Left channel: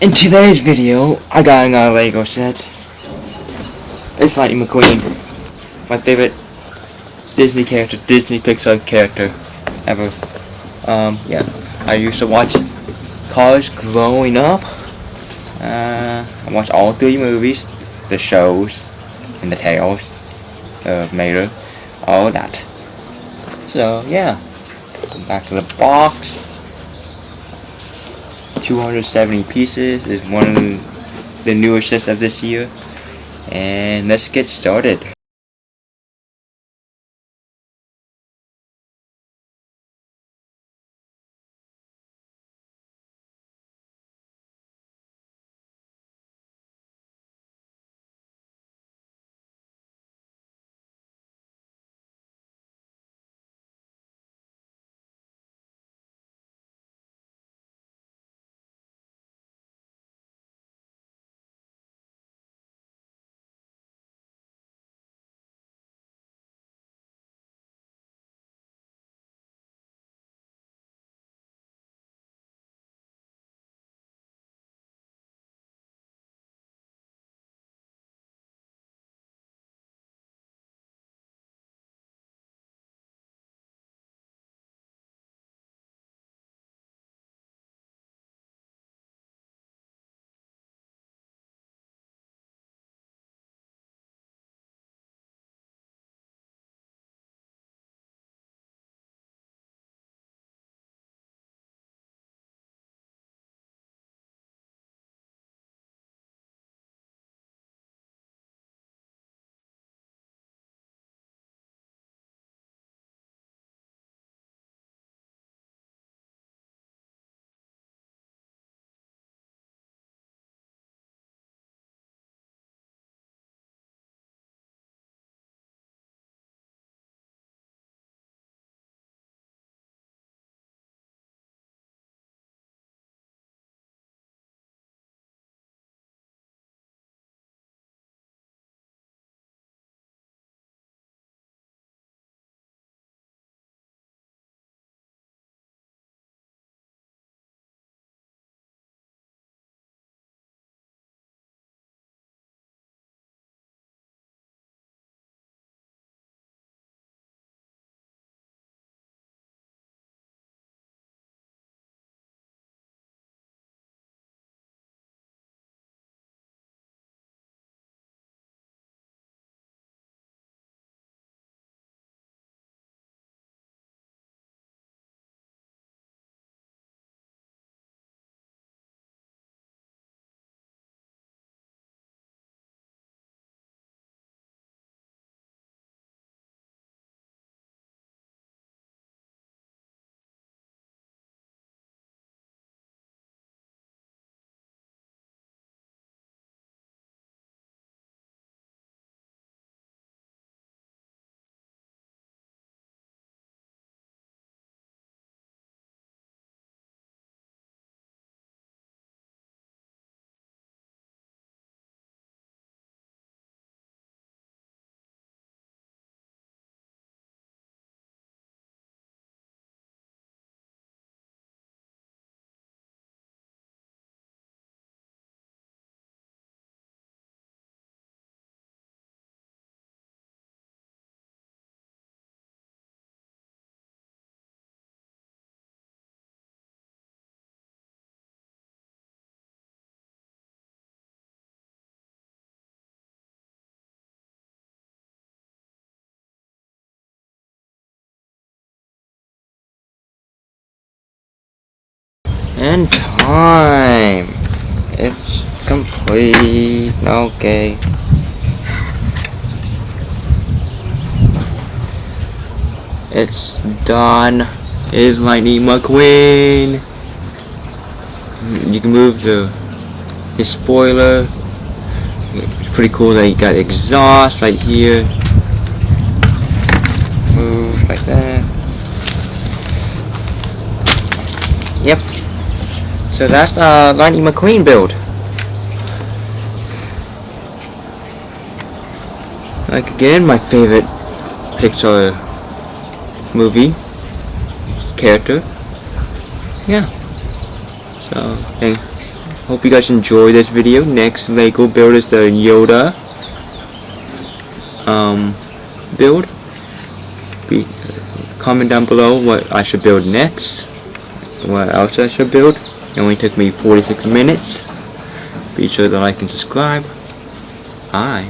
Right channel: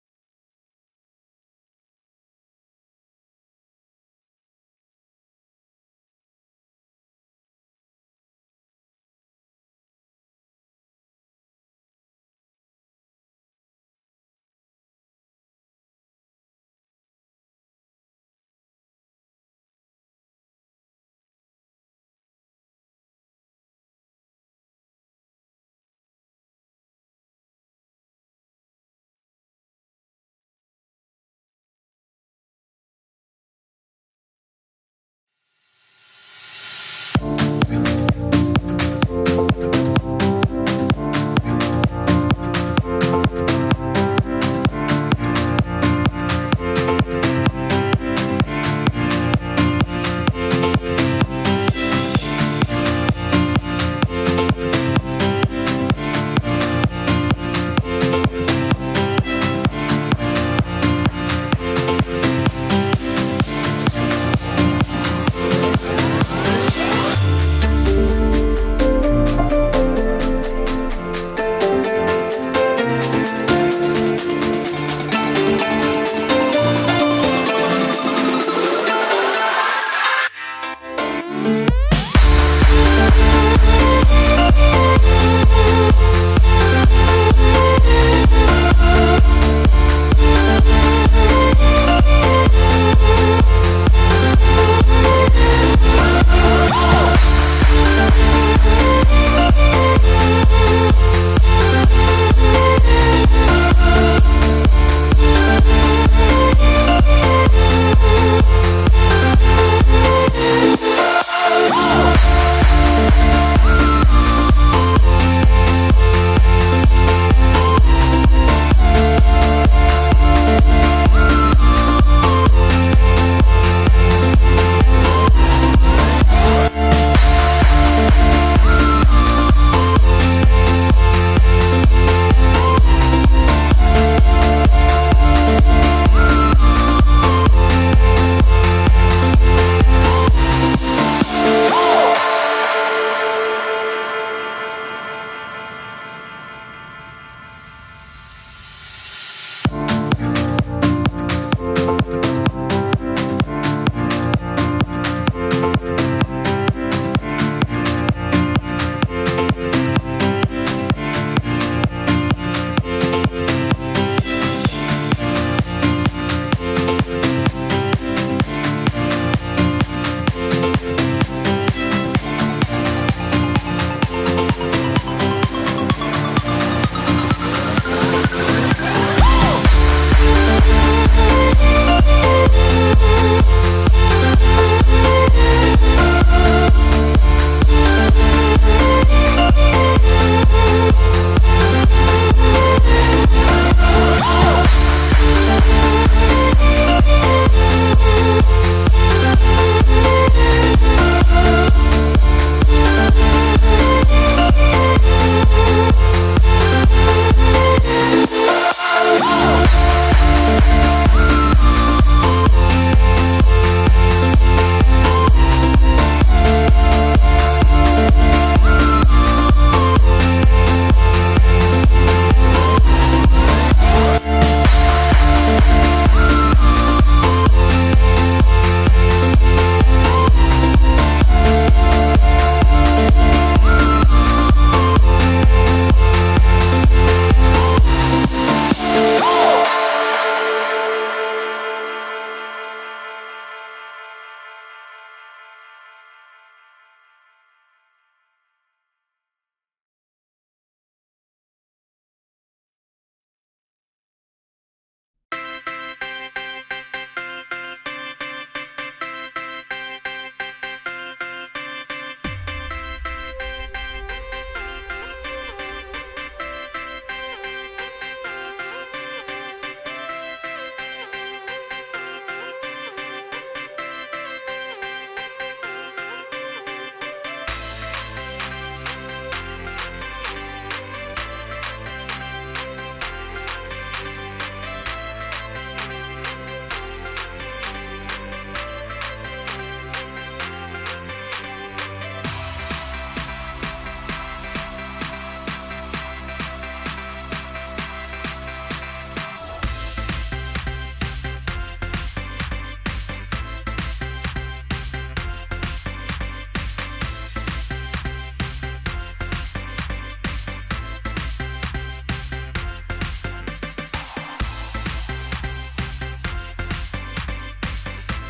In today's video, I got another LEGO set. It's Lightning McQueen, my favorite Disney character, Disney Pixar character ever. Yeah, I used to watch Cars growing up. I watched all 3 movies, the shows, and the tales of Mater, all that. So yeah, back to the box. 270 pieces is one of the newer sets of this year, and let's get started. And time. It's complete. Okay. It's done. It is Lightning McQueen. You can move the spoiler. It's pretty cool that you got exhaust right here. Move like that. Yep. So that's the Lightning McQueen build. Like again, my favorite Pixar movie character. Yeah. So hope you guys enjoy this video. Next Lego build is the Yoda build. Comment down below what I should build next, what else I should build. It only took me 46 minutes. Be sure to like and subscribe. Bye.